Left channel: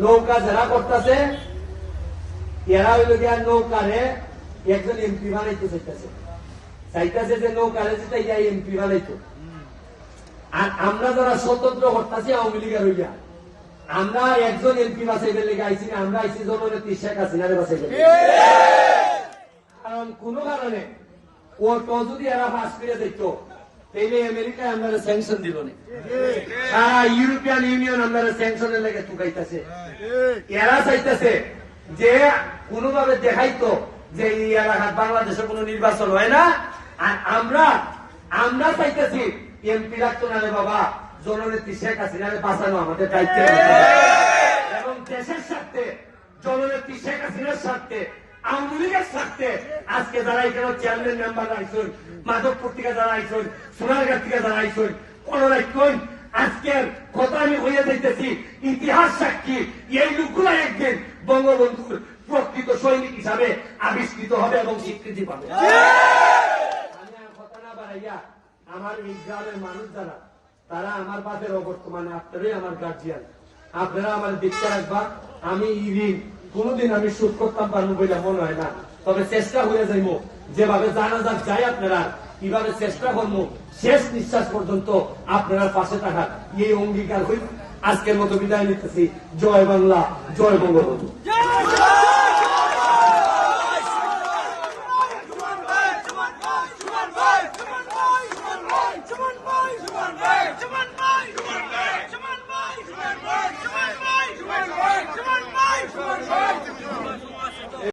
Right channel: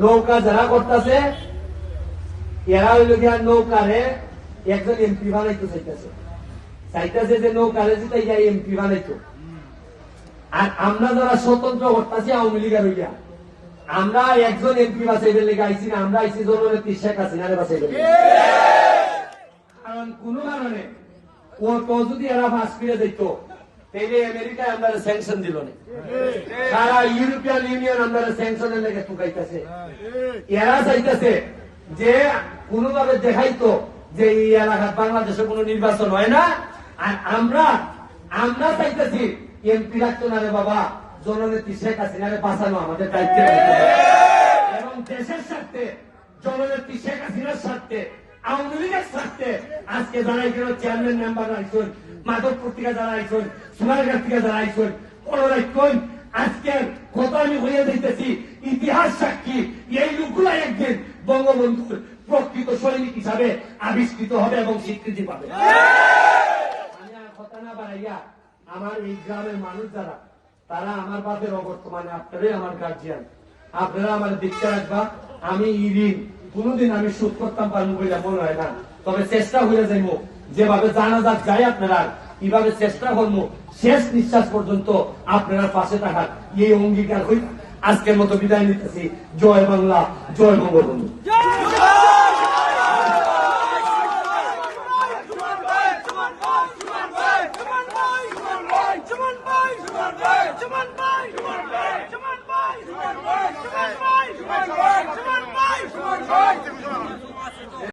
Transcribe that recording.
নৌকা যারা করতেছে এরা হইল গিয়া নৌকারে একজন এমপি বানাইতে চাইতেছে যে নৌকারে যেটা ইয়া এমপি বানাইতো। আর আমরা যারা স্বতন্ত্র করতেছি আওয়ামী লীগের হইয়া আমরা একজন এমপি বাঁচাইবে লেগে আইসি না, আমরা আইসি জননেত্রী শেখ হাসিনারে বাঁচাইবে। কারণ কোন কারণে ও তো যদি এরা ফাঁস করে দিত তাইলে আমেরিকায় আমরা স্যাংশন দিল না, সারা ইউরোপিয়ান ইউনিয়ন আমরা স্যাংশনের লেগে টুকাইতেছে। এরা চাইতেছে যে কোনোভাবে দেখাইতো যে এই এলাকায় বাংলাদেশে কোনো নির্বাচন হয় না, আর আমরা চাইতেছি এমপি রাখতো না রে বাবা, জননেত্রী শেখ হাসিনাকে বাঁচানো আমাদের দায়িত্ব এবং দেশের স্বার্থে জননেত্রী শেখ হাসিনার স্বার্থে আওয়ামী লীগের স্বার্থে আজকে যারা এখানে চেয়ারম্যান মেম্বার আইসুন, মাধবপুর থেকে যারা আইসুন, সোনারঘাট থেকে যারা আইসুন, কোন রাখুন আজকের কথা আমি হয়ে যাইতেছি ইতিহাস সাক্ষী এই লোকগুলা একদিন বঙ্গবন্ধুর প্রকৃত সৈনিক হিসাবে আবিষ্কৃত হবে এবং স্বীকৃতি পাবে। আমি আর কথা না বাড়াইয়া আমার এই গ্রামের মানুষ যারা তারা আমার বাপের অবর্তমানে আপনারাই আমার গার্জিয়ান, আপনারা আমার দীক্ষা রাখবা। আমি এই ঋণ কোনদিন আমি শোধ করতাম পারবো বলে মনে হয় না, তবে চেষ্টা হয়ে যাইব যেভাবে জানা যাক যায় আপনারা কিভাবে চেষ্টা করবো শেষ নিঃশ্বাস পর্যন্ত আপনারা পাশে থাকার এই অঙ্গীকার হইল আজকের মতো বিদায় নিতেছি। জয় বাংলা, জয় বঙ্গবন্ধু।